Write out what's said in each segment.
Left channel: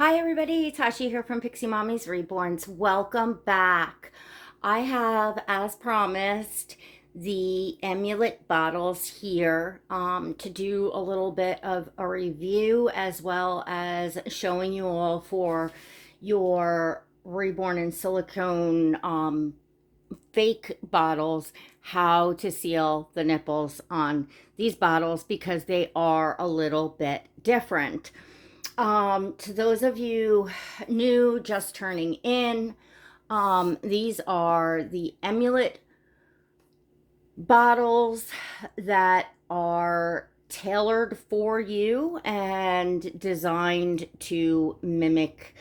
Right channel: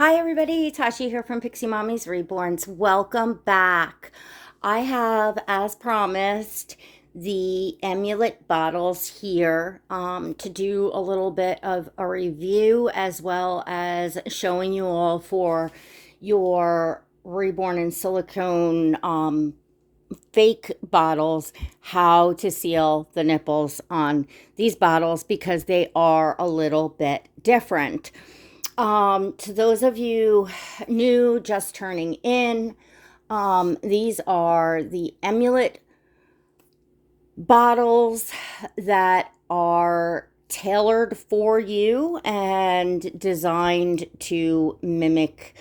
Hi everybody, Tashi here from Pixie Mommy's Reborns. Welcome back. I have, as promised, the EMULAIT bottles here to do a little bit of a review as well as showing you all for your Reborn in silicone fake bottles how to seal the nipples on these bottles because they are a little bit different. To those of you new, just turning in, these are the EMULAIT bottles that are tailored for you and designed to mimic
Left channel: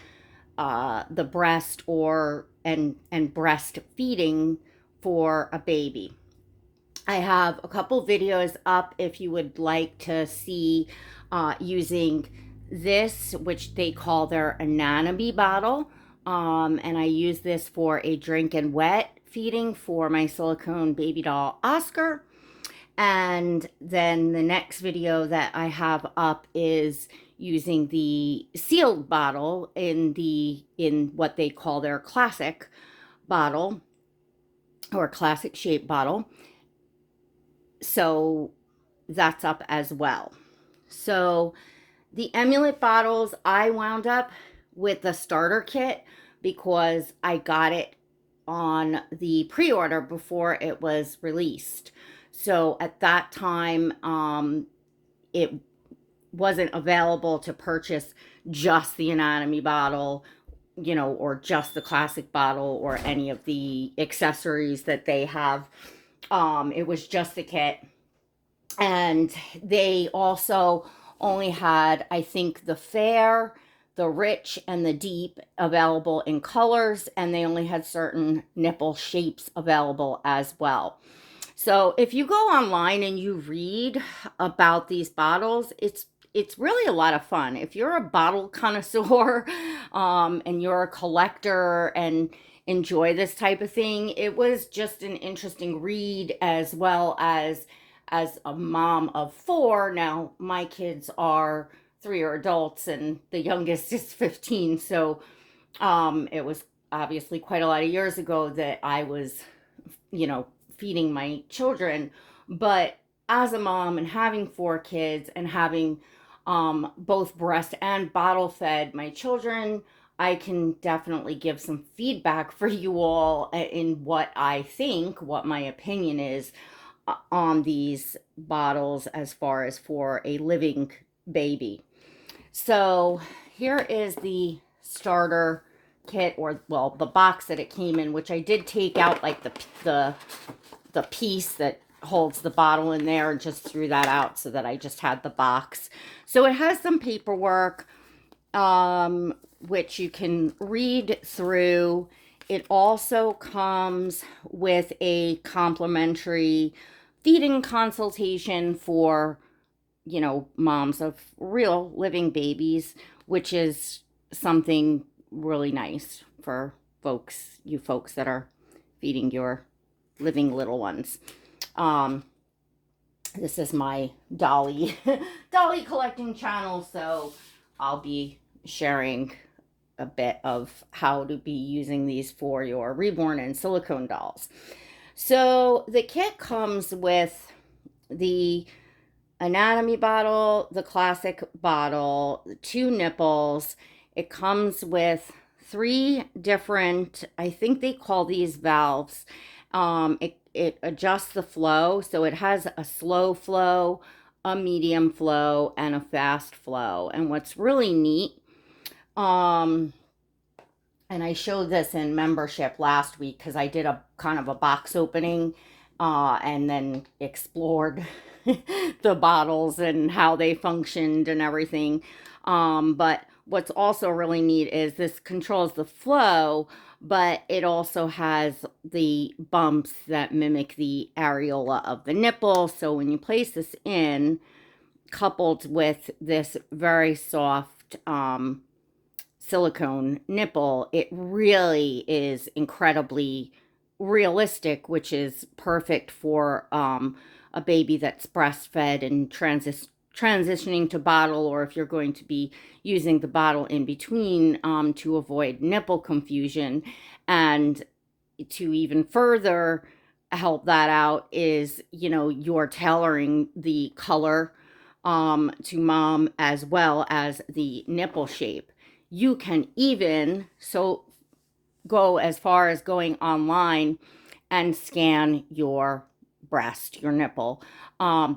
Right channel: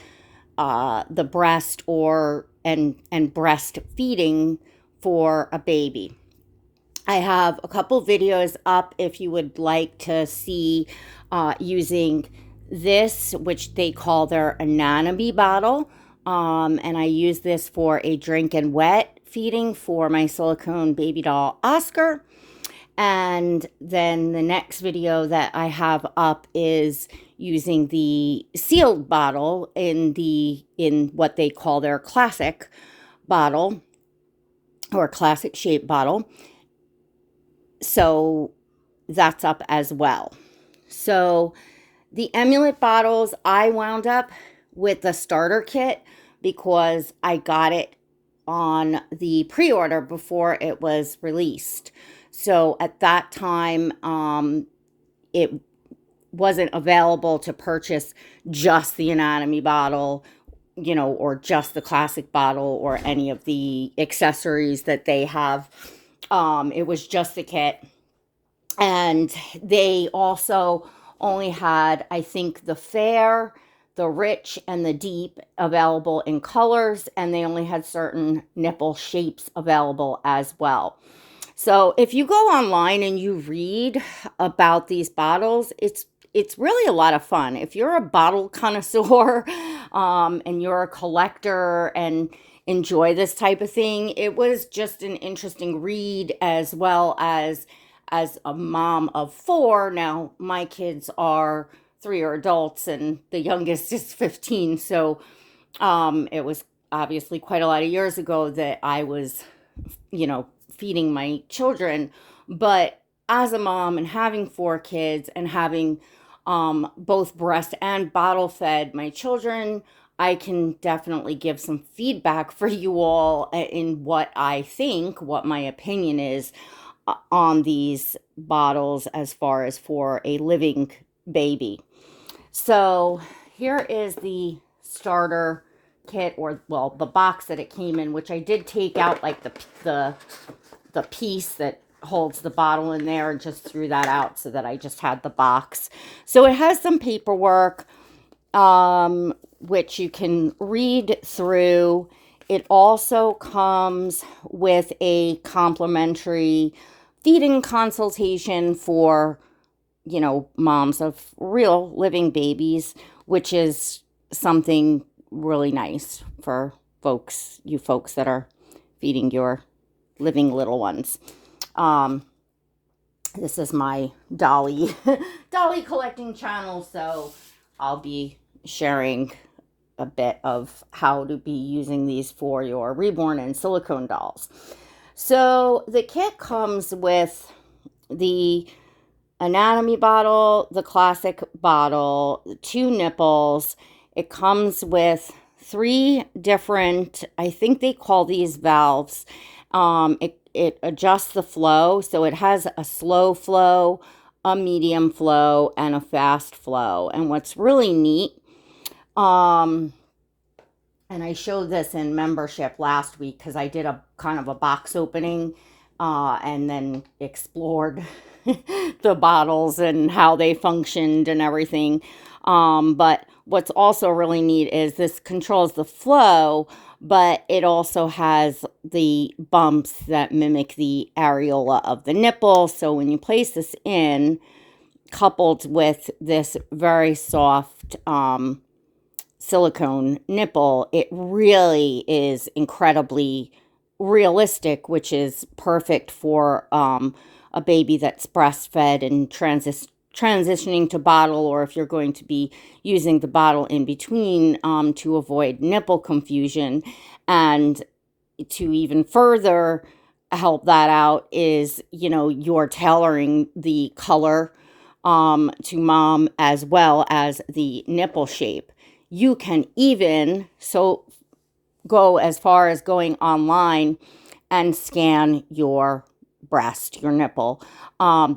the breast or and breastfeeding for a baby. I have a couple videos up if you would like to see using this, which they call their anatomy bottle. And I use this for a drink and wet feeding for my silicone baby doll Oscar. And then the next video that I have up is using the sealed bottle in what they call their classic bottle or classic shape bottle. So that's up as well. So the EMULAIT bottles, I wound up with the starter kit because I got it on the pre-order before it was released. So at that time, it wasn't available to purchase just the anatomy bottle, or just the classic bottle or any of the accessories that they have. It was just the kit. And they also only had, I think, the fair, the rich, and the deep available in colors, and they only had certain nipple shapes available as well. So if you go online and you read about these bottles, it's really a lot of fun. If you're a bottle connoisseur and you're a collector and enjoy this type of thing, it was just an interesting read as well as a mom of four. Now, my kids are 3 are adults and the youngest is 15. So it was obviously quite a lot of years ago that I was, feeding my children. But as a mom and having 4 kids and having both breast and bottle fed my children, I can definitely give some feedback for you all in what I think, what my opinion is on these bottles as far as for a living baby. So here is the starter kit, or well, the box that it came in, which I did take out like the piece that holds the bottle in there and just threw that out so that I just had the box. So it has some paperwork, which you can read through. It also comes with a complimentary feeding consultation for, moms of real living babies, which is something really nice for you folks that are feeding your living little ones. This is my dolly collecting channel, so I'll be sharing a bit of how to be using these for your reborn and silicone dolls. So the kit comes with the anatomy bottle, the classic bottle, 2 nipples. It comes with 3 different, I think they call these valves. It adjusts the flow. So it has a slow flow, a medium flow, and a fast flow. And what's really neat, and I showed this in membership last week because I did a kind of a box opening and then explored the bottles and how they functioned and everything. But what's also really neat is this controls the flow, but it also has the bumps that mimic the areola of the nipple. So when you place this in, coupled with this very soft silicone nipple, it really is incredibly realistic, which is perfect for a baby that's breastfed and transitioning to bottle, or if you're going to be using the bottle in between, to avoid nipple confusion. And to even further help that out is, you're tailoring the color to mom, as well as the nipple shape. You can even go as far as going online and scan your breast, your nipple.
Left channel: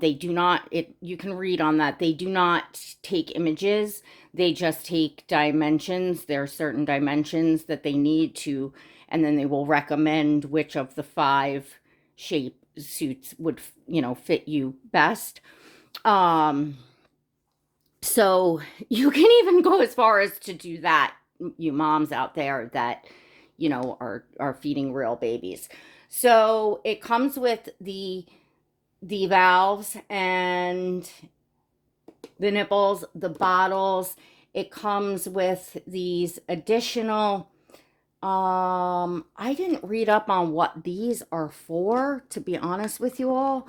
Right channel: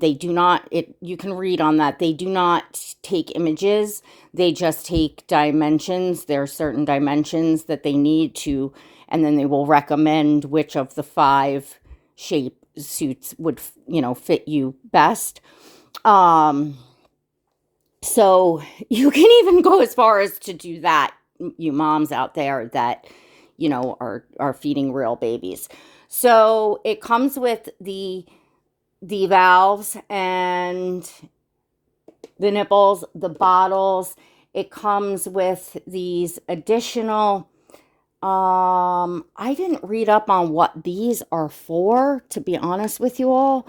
They do not, you can read on that. They do not take images. They just take dimensions. There are certain dimensions that they need to, and then they will recommend which of the 5 shape suits would, fit you best. So you can even go as far as to do that, you moms out there that, are feeding real babies. So it comes with the valves and the nipples, the bottles. It comes with these additional, I didn't read up on what these are for, to be honest with you all.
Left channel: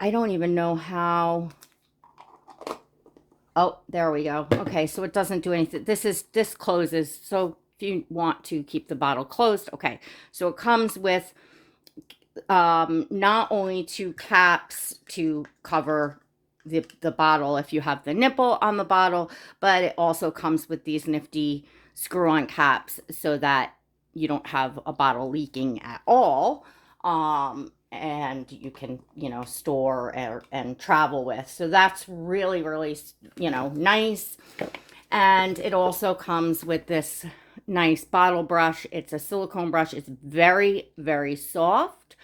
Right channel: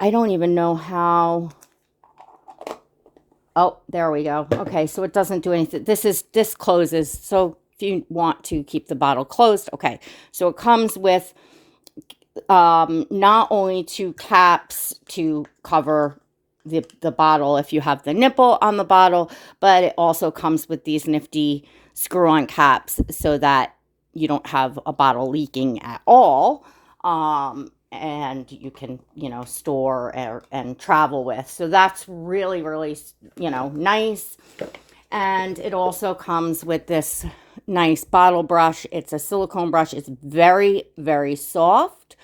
I don't even know how. Oh, there we go. Okay, so it doesn't do anything. This closes. So if you want to keep the bottle closed, okay. So it comes with not only 2 caps to cover the bottle if you have the nipple on the bottle, but it also comes with these nifty screw-on caps so that you don't have a bottle leaking at all. And you can, store and travel with. So that's really, really, nice. And it also comes with this nice bottle brush. It's a silicone brush. It's very, very soft.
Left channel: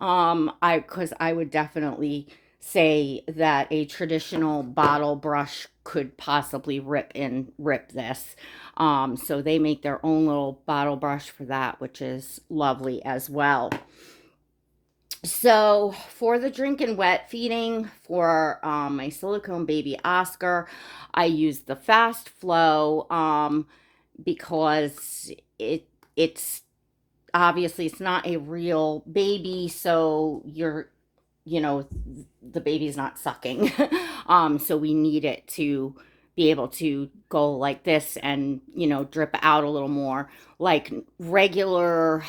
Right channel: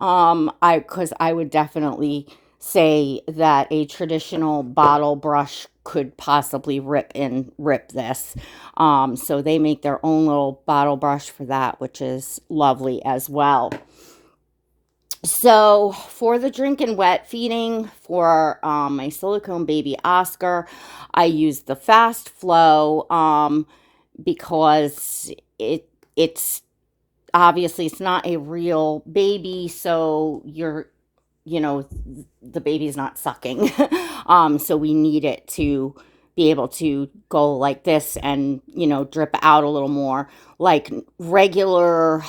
Because I would definitely say that a traditional bottle brush could possibly rip this. So they make their own little bottle brush for that, which is lovely as well. So for the drink and wet feeding for my silicone baby Oscar, I use the fast flow because it's obviously it's not a real baby, so the baby's not sucking. So we need it to be able to go like this and, drip out a little more. Like regular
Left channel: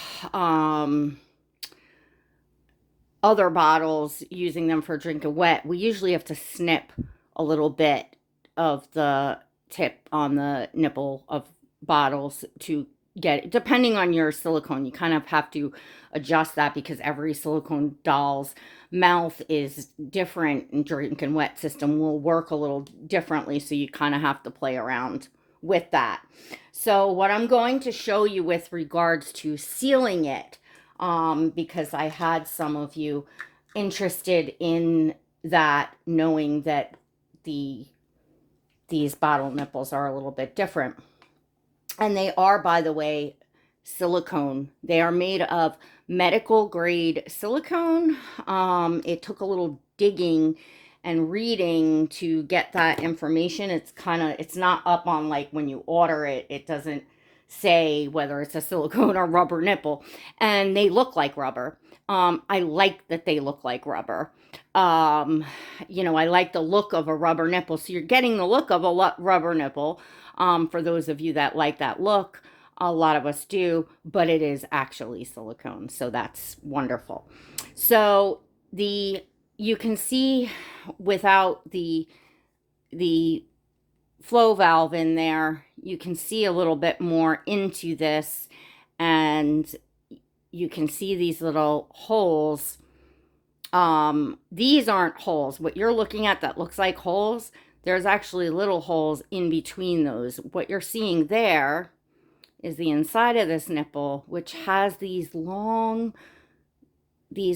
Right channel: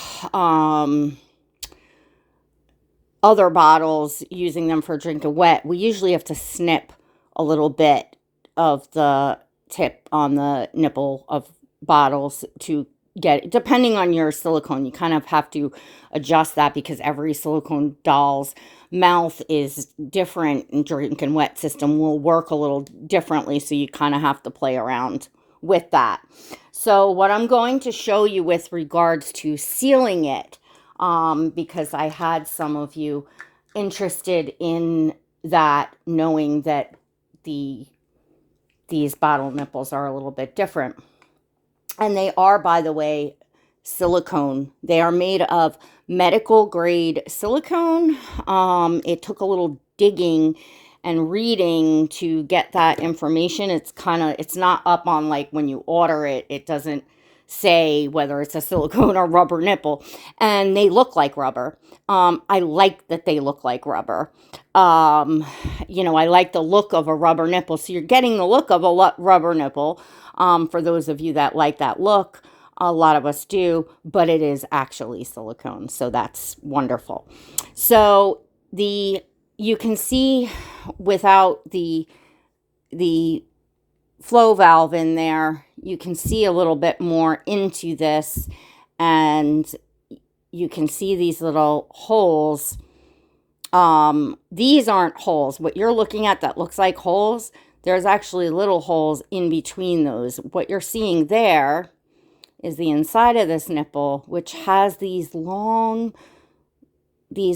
other bottles, using them for drink and wet, we usually have to snip a little bit of the tip on the nipple of bottles to get, depending on your silicone, you kind of have to adjust that because every silicone doll's mouth is different, and drink and wet system will work a little differently, so you kind of have to play around with that. So what I'm going to show you with regards to sealing it, because I had some of you interested in that, knowing that these bottle nipples are a little bit different. And they are, by the way, silicone. They are made of medical grade silicone. It took a little digging and reading to get that information. It's not up on, like, when you order it, it doesn't say whether it's a silicone or rubber nipple, and they look like rubber. I like that they look like rubber. I like the look of a rubber nipple. So you're getting the look of a rubber nipple. For those of you that like that look, a lot of us do, but it is actually silicone. So that's wonderful. So you can see without the flow valve in there, you can see a little bit more into this, and you can see these little holes. These aren't holes. What you're looking at that looks like holes, there's actually little holes in between those. What you're seeing there is the inside of this nipple, which has these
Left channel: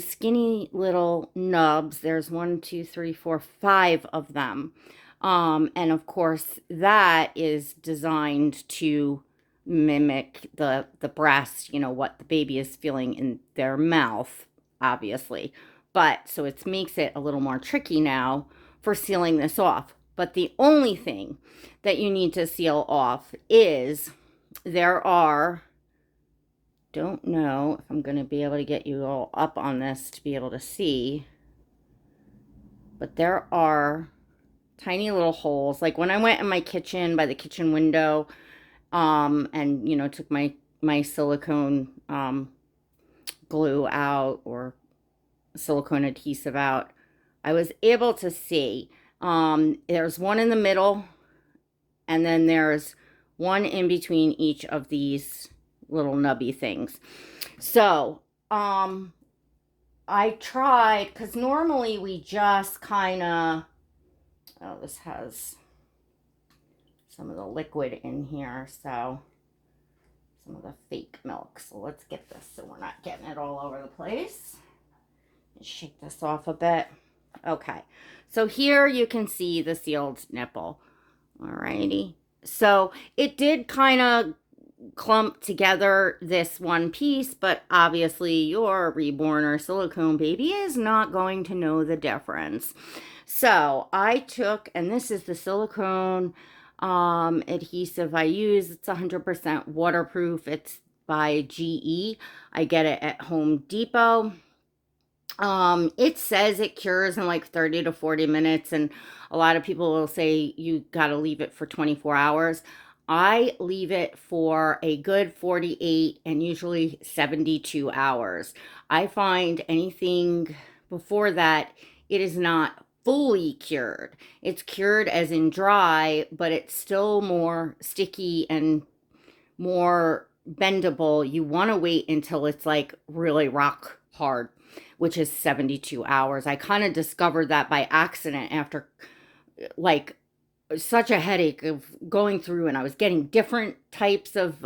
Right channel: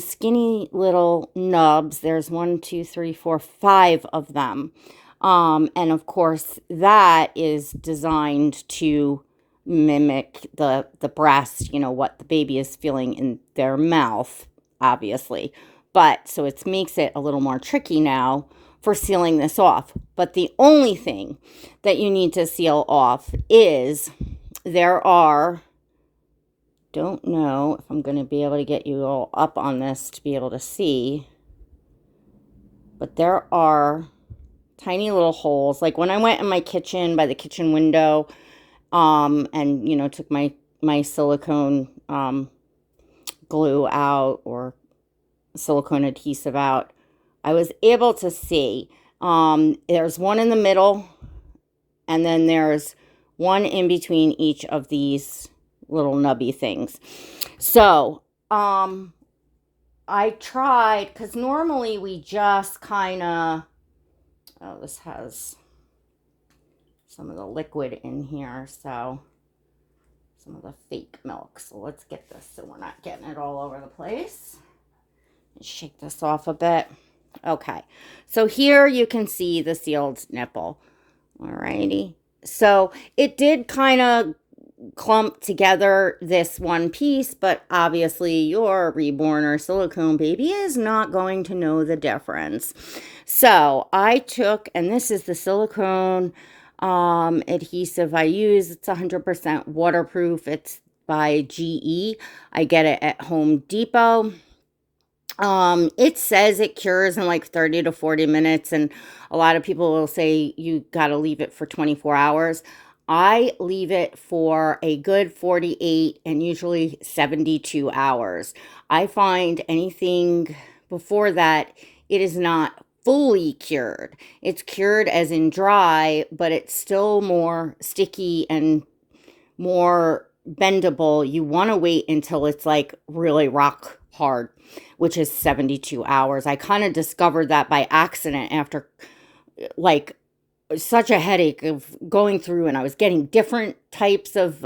skinny little nubs. There's 1, 2, 3, 4, 5 of them. And of course, that is designed to mimic the breast, what the baby is feeling in their mouth, obviously. But so it makes it a little more tricky now for sealing this off. But the only thing that you need to seal off is don't know if I'm going to be able to get you all up on this to be able to see. but there are tiny little holes. Like when I went in my kitchen by the kitchen window, and you know, took my silicone glue out, or silicone adhesive out, I was able to see there's one in the middle, and then there's one in between each of these little nubby things. So I tried, because normally we just kind of, oh, this has some of the liquid in here, so some of the fake milk. So let's get this so we're not getting it all over the place. Shake this off a bit. Okay, so here you can see the sealed nipple. Alrighty, so it did kind of clump together, this one piece, but obviously your reborn or silicone baby is not going to know the difference. So I took, and this is the silicone adhesive I use. It's 100% waterproof. It's by GE. I get it at Home Depot. It says it cures in like 30 to 40 minutes, and a lot of people will say you got to leave it for 24 hours. I leave it for a good 48 and usually 72 hours. I find anything before that, it is not fully cured. It's cured as in dry, but it's still more sticky and more bendable. You want to wait until it's like really rock hard, which is 72 hours. I kind of discovered that by accident after like such a headache of going through, and I was getting different types of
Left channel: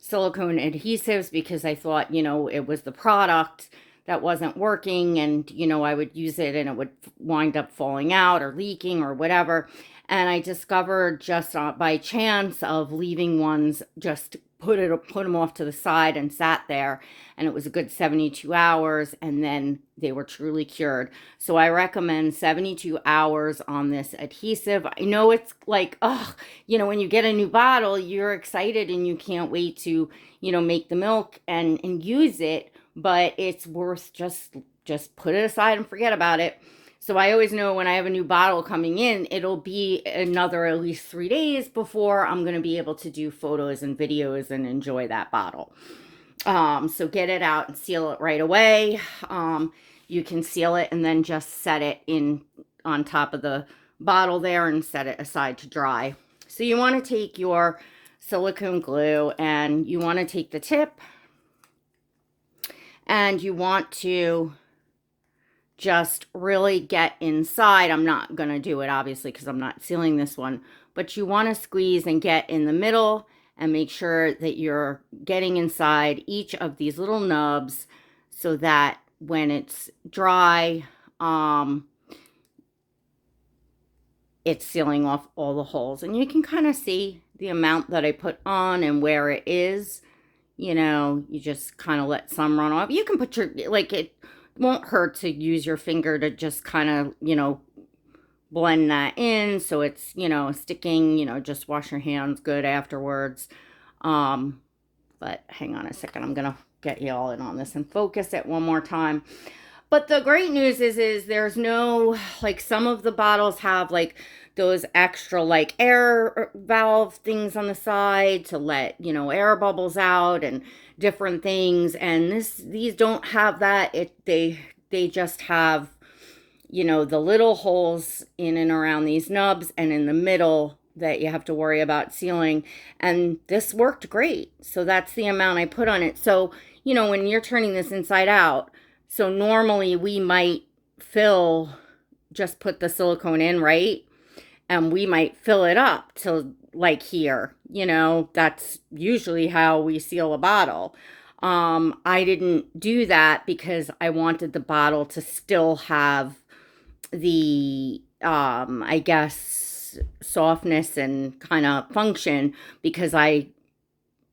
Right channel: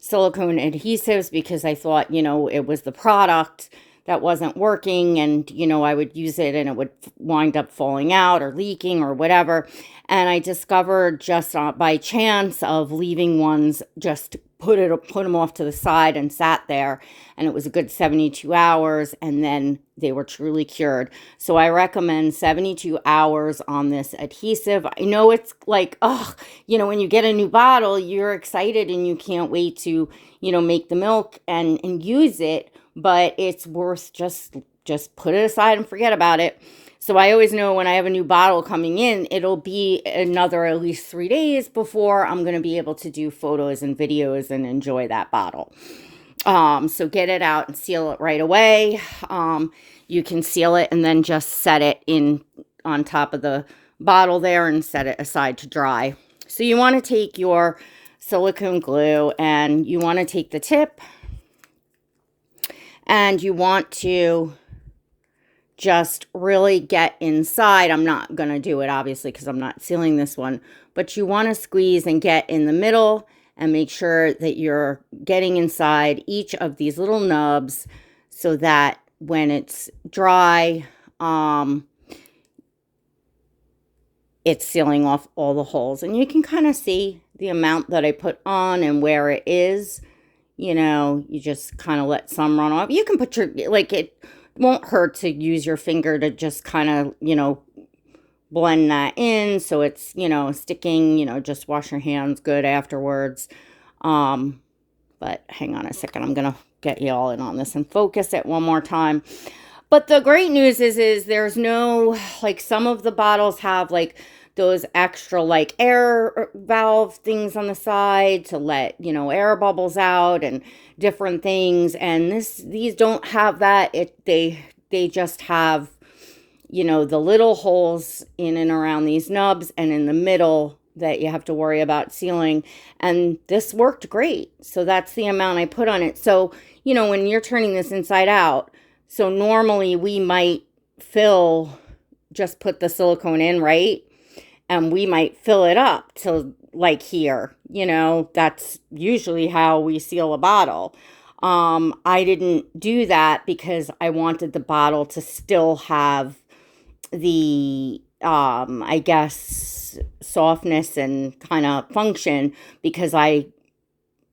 silicone adhesives because I thought, you know, it was the product that wasn't working, and you know, I would use it and it would wind up falling out or leaking or whatever. And I discovered just by chance of leaving ones, just put them off to the side and sat there, and it was a good 72 hours, and then they were truly cured. So I recommend 72 hours on this adhesive. I know it's like, oh, you know, when you get a new bottle, you're excited and you can't wait to, you know, make the milk and use it, but it's worth just put it aside and forget about it. So I always know when I have a new bottle coming in, it'll be another at least 3 days before I'm going to be able to do photos and videos and enjoy that bottle. So get it out and seal it right away. You can seal it and then just set it in on top of the bottle there and set it aside to dry. So you want to take your silicone glue and you want to take the tip and you want to just really get inside. I'm not going to do it obviously because I'm not sealing this one, but you want to squeeze and get in the middle and make sure that you're getting inside each of these little nubs so that when it's dry, it's sealing off all the holes. And you can kind of see the amount that I put on and where it is. You know, you just kind of let some run off. You can put your, like, it won't hurt to use your finger to just kind of, you know, blend that in so it's, you know, sticking. You know, just wash your hands good afterwards. But hang on a second, I'm gonna get you all in on this and focus it one more time. But the great news is there's no, like, some of the bottles have like those extra like air valve things on the side to let, you know, air bubbles out and different things, and these don't have that. They just have, you know, the little holes in and around these nubs and in the middle that you have to worry about sealing. And this worked great. So that's the amount I put on it. So, you know, when you're turning this inside out, so normally we might just put the silicone in, right? And we might fill it up to like here, you know, that's usually how we seal a bottle. I didn't do that because I wanted the bottle to still have the, I guess, softness and kind of function, because I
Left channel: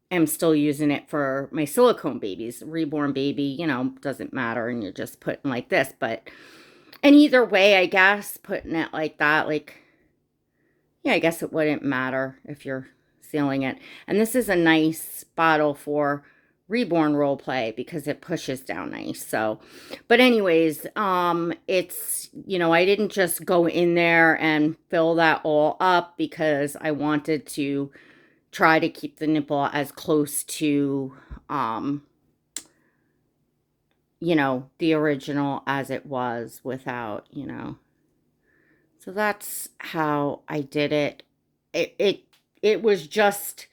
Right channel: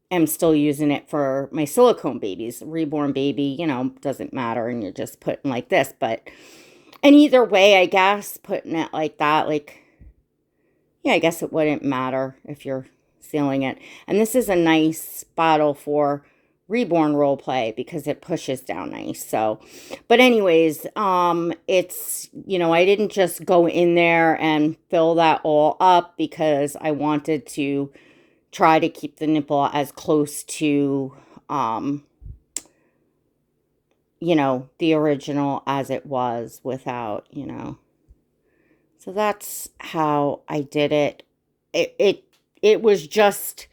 am still using it for my silicone babies. Reborn baby, you know, doesn't matter, and you're just putting like this. But, and either way, I guess, putting it like that, like, yeah, I guess it wouldn't matter if you're sealing it. And this is a nice bottle for reborn role play because it pushes down nice. So, but anyways, it's, I didn't just go in there and fill that all up because I wanted to try to keep the nipple as close to, the original as it was without, So that's how I did it. It was just,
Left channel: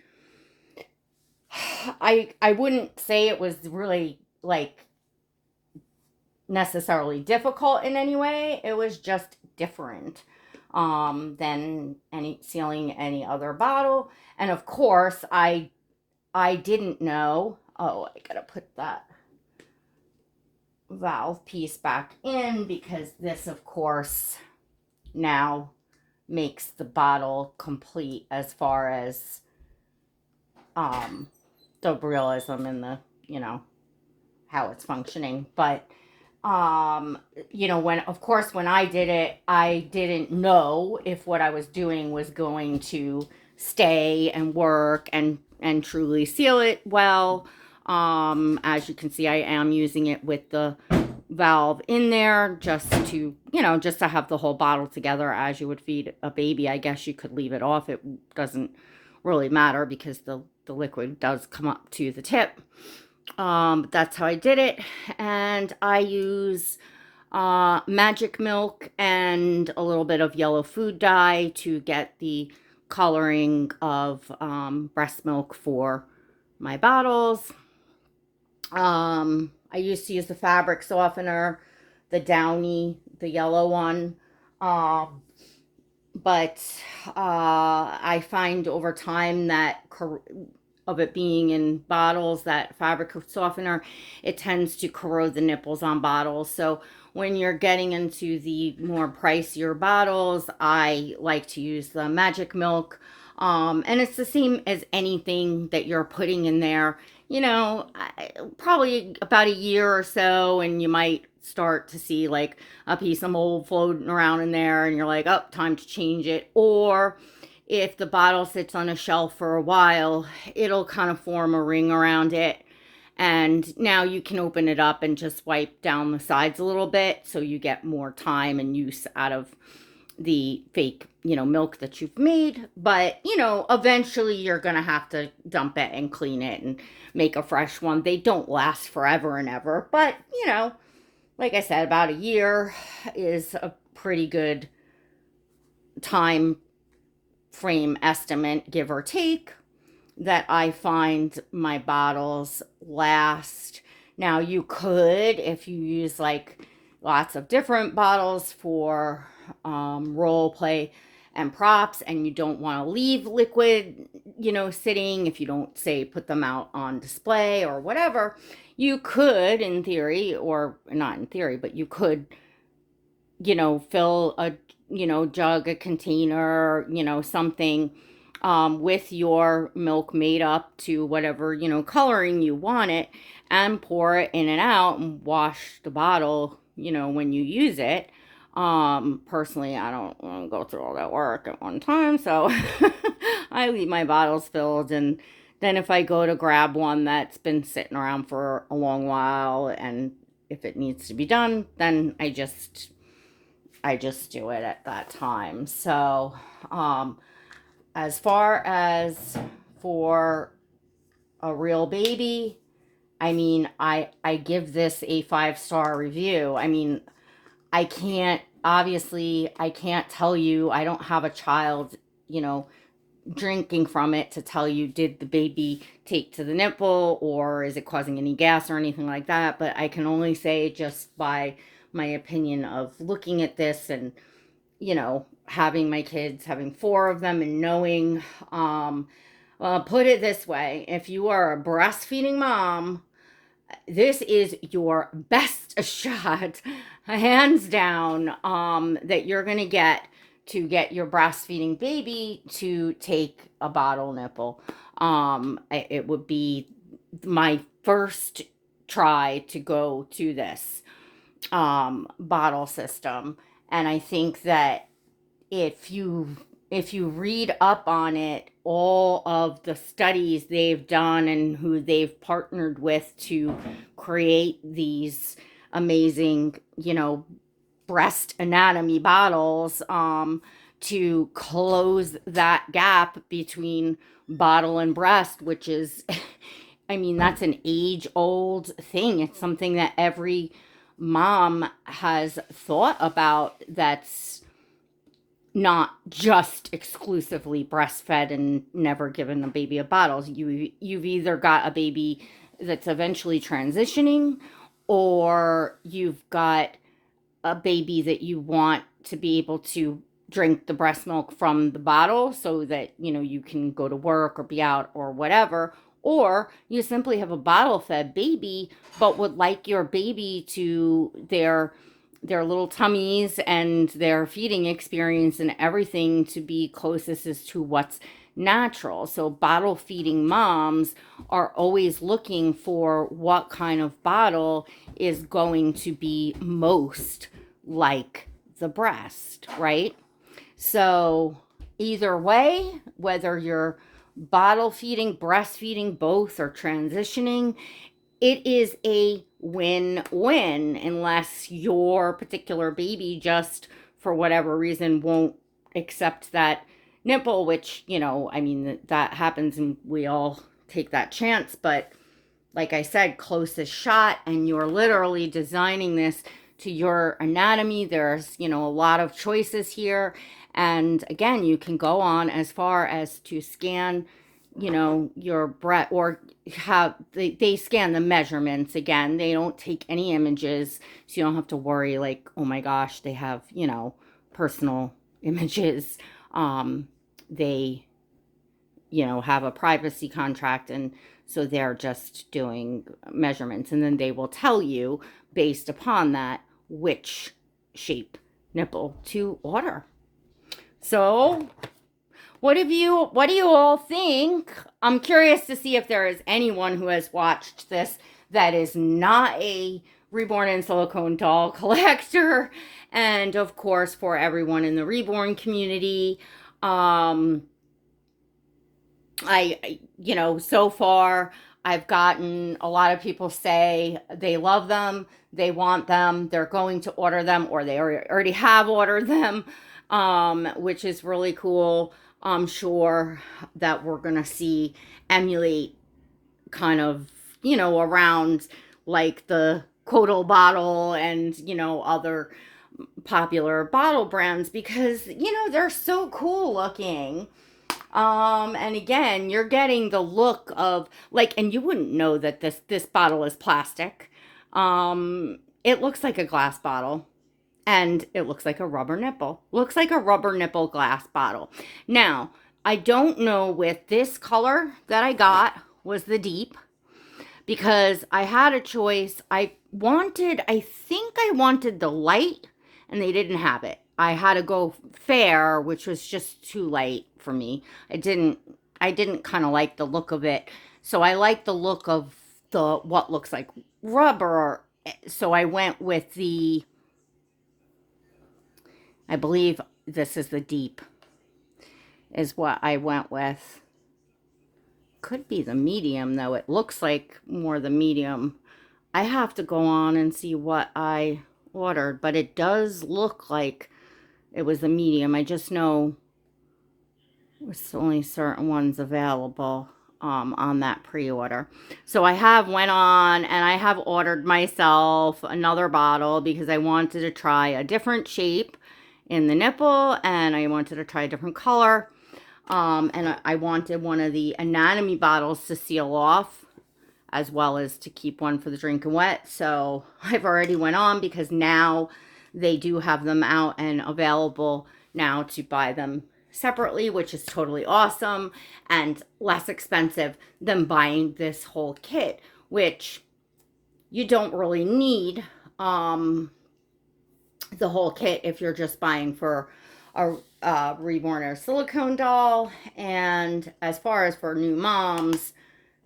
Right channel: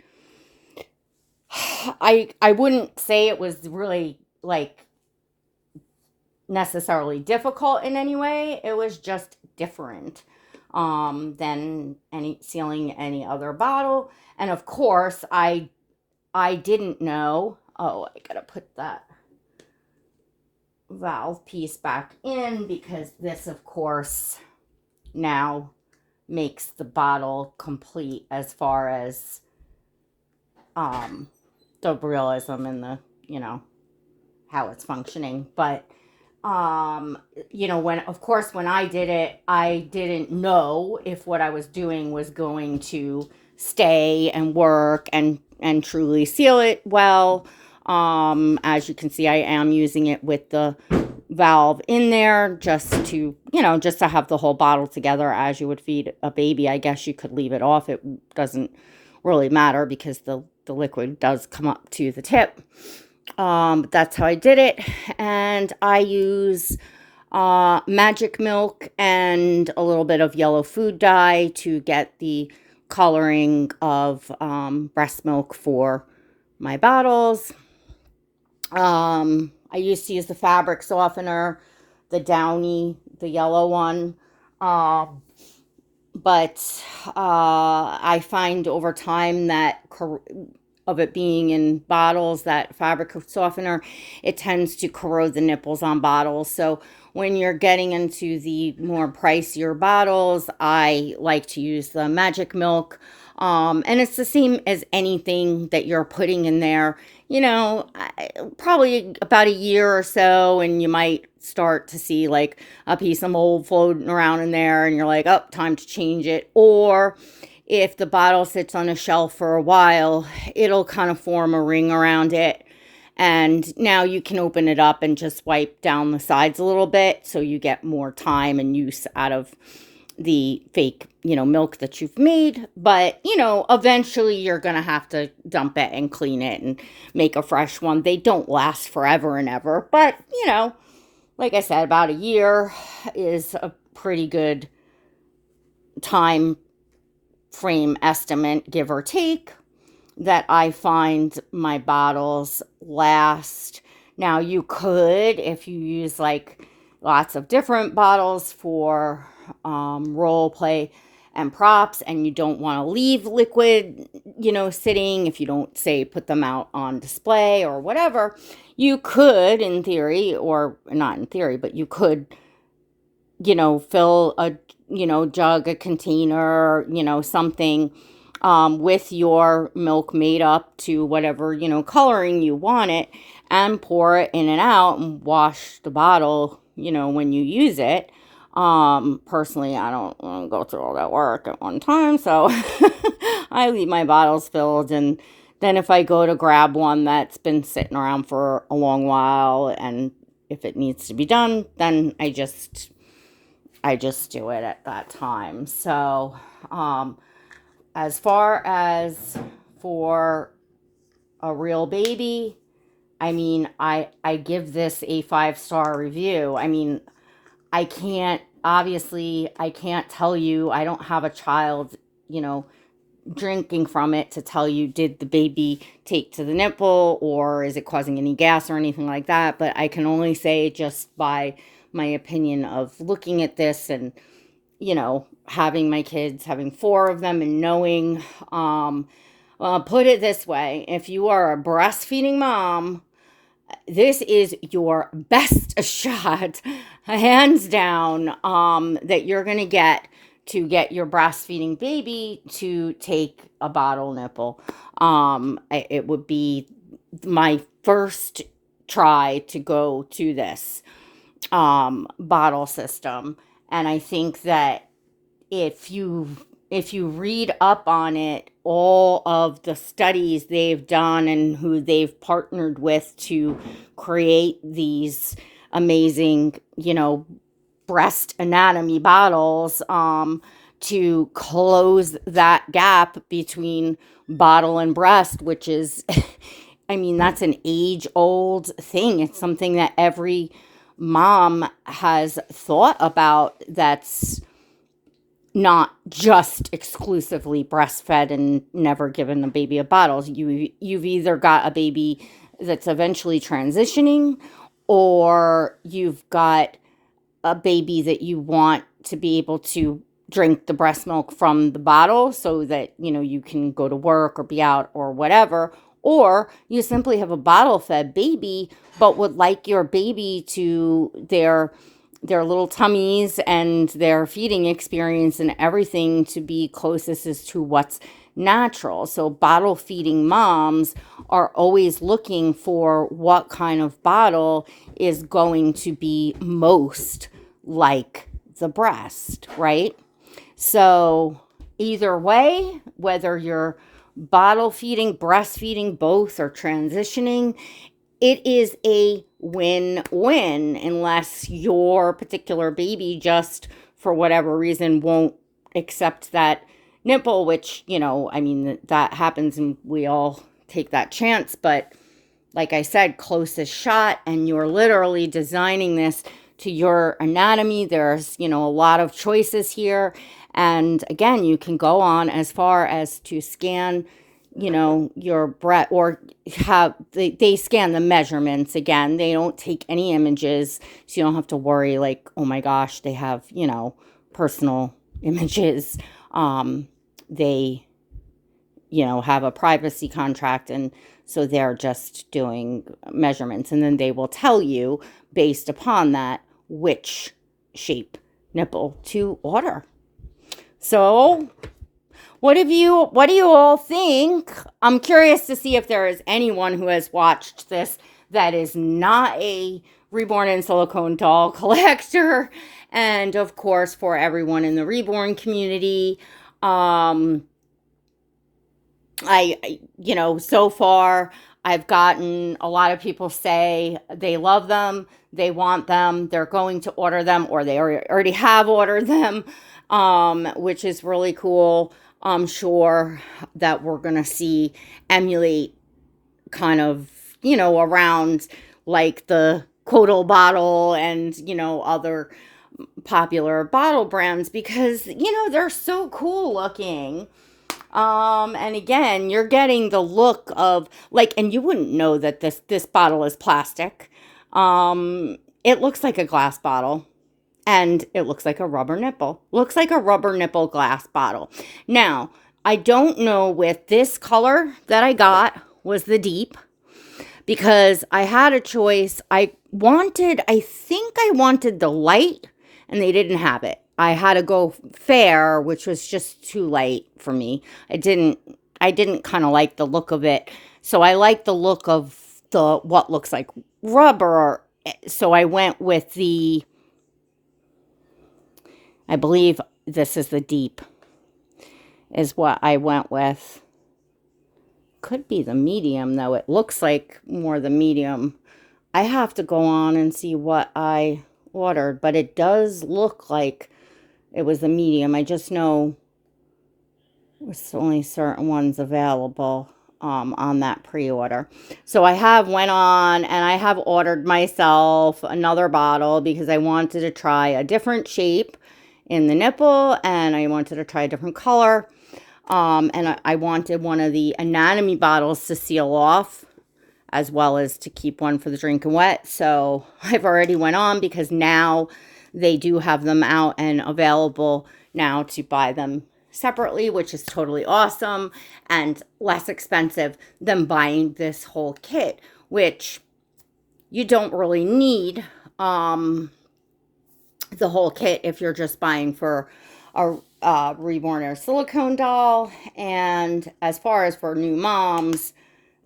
I wouldn't say it was really like necessarily difficult in any way. It was just different than sealing any other bottle. And of course, I didn't know. Oh, I gotta put that valve piece back in because this, of course, now makes the bottle complete as far as the realism and the, how it's functioning. But when I did it, I didn't know if what I was doing was going to stay and work and truly seal it well. As you can see, I am using it with the valve in there just to have the whole bottle together as you would feed a baby. I guess you could leave it off. It doesn't really matter because the liquid does come up to the tip. But that's how I did it. And I use magic milk and a little bit of yellow food dye to get the coloring of breast milk for my bottles. I used to use the fabric softener, the Downy, the yellow one. But I find over time that of it being in bottles, that fabric softener, it tends to corrode the nipples on bottles. So when you're getting into the more pricier bottles, I like to use the magic milk. And it's the same as anything that you're putting in there. Probably about a year or so, and you might start to see like a piece of mold floating around in there, and you're like, oh, time to change it. Or if the bottle sits on a shelf for a while, it'll kind of form a ring around it. And now you can open it up and just wipe down the sides a little bit so you get more time and use out of the fake, milk that you've made. But, eventually you're going to have to dump it and clean it and make a fresh one. They don't last forever and ever. But, like I said, about a year is a pretty good time frame estimate, give or take, that I find my bottles last. Now, you could, if you use like lots of different bottles for role play and props, and you don't want to leave liquid, sitting, if you don't, say, put them out on display or whatever, you could, in theory, or not in theory, but you could, fill a, jug, a container, something with your milk made up to whatever, coloring you want it, and pour it in and out and wash the bottle, when you use it. Personally, I don't want to go through all that work at one time, so I leave my bottles filled, and then if I go to grab one that's been sitting around for a long while, and if it needs to be done, then I just do it at that time. So, as far as for a real baby, I mean, I give this a 5-star review. I mean, I can't tell you, I don't have a child, drinking from it to tell you, did the baby take to the nipple or is it causing any gas or anything like that. But I can only say, just by my opinion of looking at this and, having my kids, having 4 of them, and knowing, put it this way, if you are a breastfeeding mom, this is your best shot, hands down, that you're going to get your breastfeeding baby to take a bottle nipple. It would be my first try to go to this bottle system. And I think that if you if you read up on it, all of the studies they've done and who they've partnered with to create these amazing, breast anatomy bottles, to close that gap between bottle and breast, which is, I mean, that's an age old thing. It's something that every mom has thought about, that's not just exclusively breastfed and never given the baby a bottle. You've either got a baby that's eventually transitioning, or you've got a baby that you want to be able to drink the breast milk from the bottle so that, you can go to work or be out or whatever. Or you simply have a bottle fed baby, but would like your baby to their little tummies and their feeding experience and everything to be closest as to what's natural. So bottle feeding moms are always looking for what kind of bottle is going to be most like the breast, right? So either way, whether you're bottle feeding, breastfeeding, both, or transitioning, it is a win-win, unless your particular baby just, for whatever reason, won't accept that nipple, which, I mean, that happens and we all take that chance. But like I said, closest shot, and you're literally designing this to your anatomy. There's, a lot of choices here. And again, you can go on as far as to scan, your breast, or they scan the measurements. Again, they don't take any images, so you don't have to worry like, oh my gosh, they have, personal images. They, have a privacy contract, and so they're just doing measurements, and then they will tell you based upon that which shape nipple to order. So what do you all think? I'm curious to see if there is anyone who has watched this that is not a reborn in silicone doll collector. And of course, for everyone in the reborn community, so far I've gotten a lot of people say they love them, they want them, they're going to order them, or they already have ordered them, which is really cool. I'm sure that we're going to see EMULAIT kind of, around like the Quotal bottle and, other popular bottle brands, because, they're so cool looking. And again, you're getting the look of like, and you wouldn't know that this bottle is plastic. It looks like a glass bottle. And it looks like a rubber nipple. Looks like a rubber nipple glass bottle. Now, I don't know with this color that I got was the deep, because I had a choice. I think I wanted the light, and they didn't have it. I had to go fair, which was just too light for me. I didn't kind of like the look of it. So I like the look of what looks like rubber. So I went with I believe this is the deep, is what I went with. Could be the medium, though. It looks like more the medium. I have to go on and see what I ordered, but it does look like it was the medium. I just know there's only certain ones available on that pre-order. So I have went on and I have ordered myself another bottle because I wanted to try a different shape in the nipple, and I wanted to try a different color. And I wanted one of the anatomy bottles to seal off, as well as to keep one for the drinking wet. So I've already went on, because now they do have them out and available now to buy them separately, which is totally awesome and less expensive than buying this whole kit, which you don't really need the whole kit if you're just buying for a reborn or silicone doll. And as far as for new moms,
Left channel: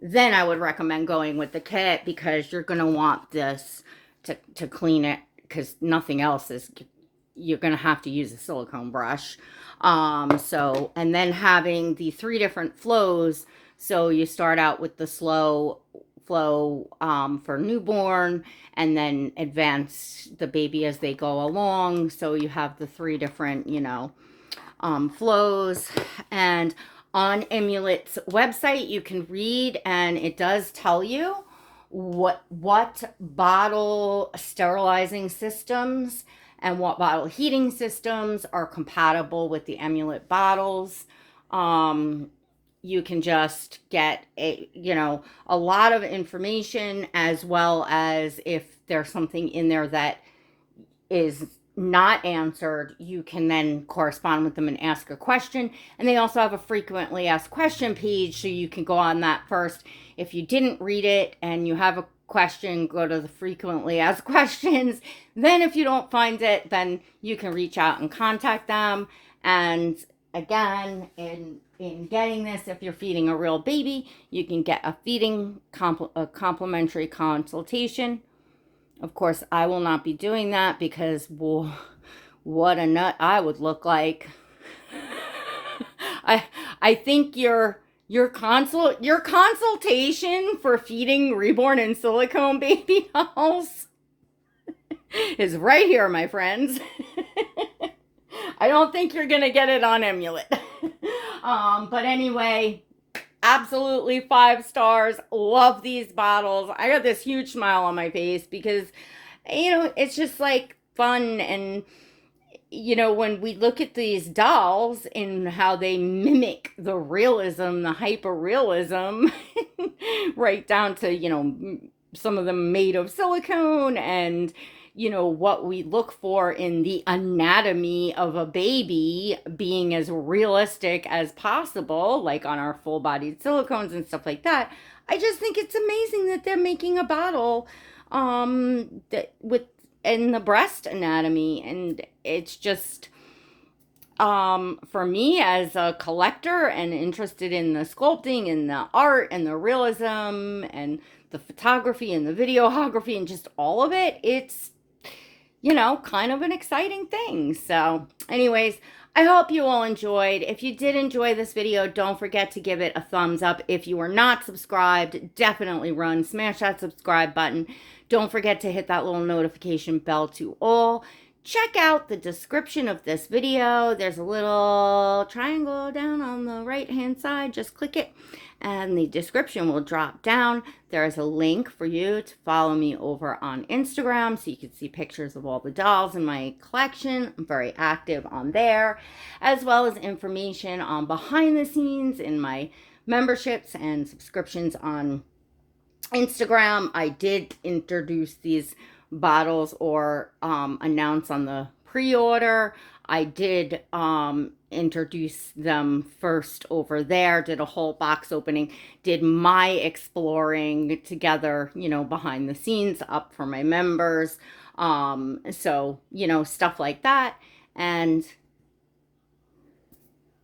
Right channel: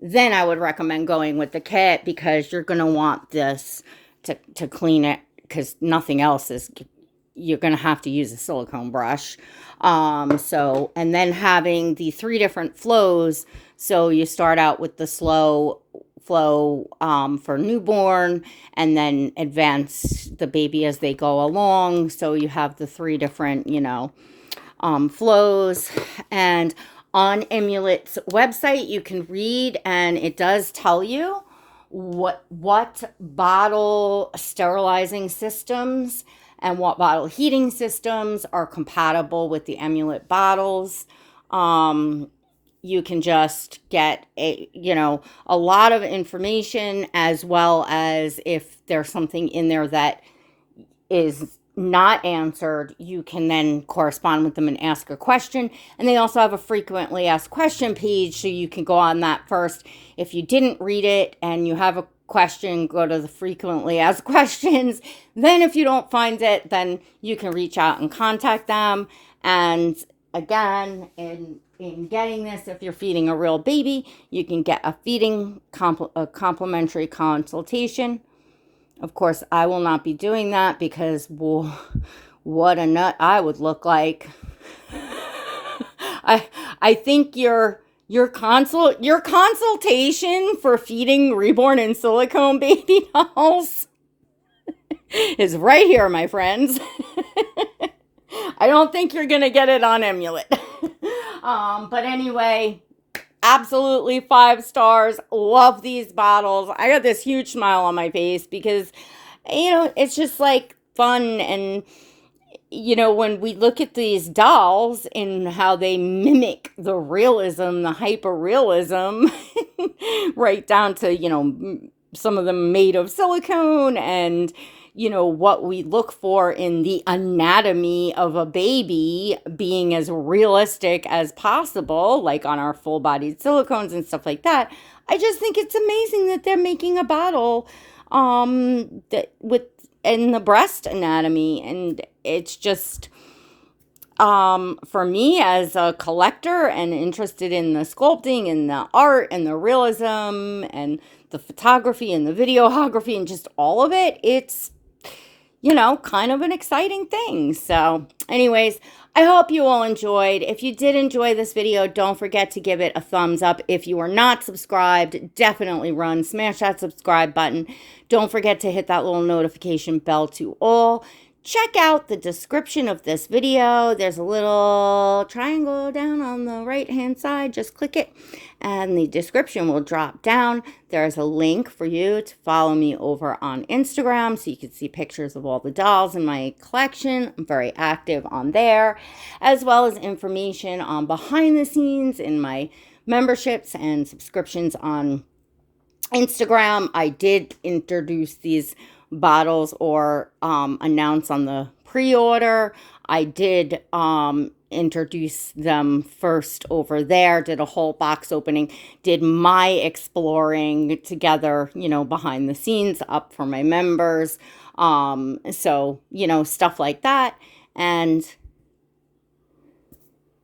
then I would recommend going with the kit, because you're going to want this to clean it, because nothing else is you're going to have to use a silicone brush. And then having the 3 different flows. So you start out with the slow flow for newborn, and then advance the baby as they go along. So you have the 3 different, flows. And on EMULAIT's website, you can read, and it does tell you what bottle sterilizing systems and what bottle heating systems are compatible with the EMULAIT bottles. You can just get a lot of information, as well as if there's something in there that is not answered, you can then correspond with them and ask a question. And they also have a frequently asked question page, so you can go on that first. If you didn't read it and you have a question, go to the frequently asked questions. Then if you don't find it, then you can reach out and contact them. And again, in getting this, if you're feeding a real baby, you can get a feeding complimentary consultation. Of course, I will not be doing that, because what a nut I would look like. I think your consultation for feeding reborn and silicone baby dolls is right here, my friends. I don't think you're gonna get it on EMULAIT. But anyway, absolutely 5 stars. Love these bottles. I got this huge smile on my face, because it's just like fun. And when we look at these dolls and how they mimic the realism, the hyper realism, right down to some of them made of silicone, and what we look for in the anatomy of a baby being as realistic as possible, like on our full-bodied silicones and stuff like that. I just think it's amazing that they're making a bottle in the breast anatomy. And it's just, for me as a collector and interested in the sculpting and the art and the realism and the photography and the videography and just all of it, it's kind of an exciting thing. So anyways, I hope you all enjoyed. If you did enjoy this video, don't forget to give it a thumbs up. If you are not subscribed, definitely smash that subscribe button. Don't forget to hit that little notification bell to all. Check out the description of this video. There's a little triangle down on the right hand side. Just click it and the description will drop down. There's a link for you to follow me over on Instagram, so you can see pictures of all the dolls in my collection. I'm very active on there, as well as information on behind the scenes in my memberships and subscriptions on Instagram. I did introduce these bottles or announce on the pre-order. I did introduce them first over there, did a whole box opening, did my exploring together, behind the scenes up for my members. So, stuff like that. And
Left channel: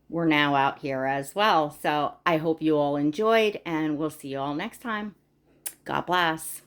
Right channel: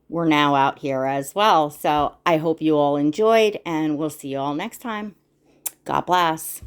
we're now out here as well. So I hope you all enjoyed, and we'll see you all next time. God bless.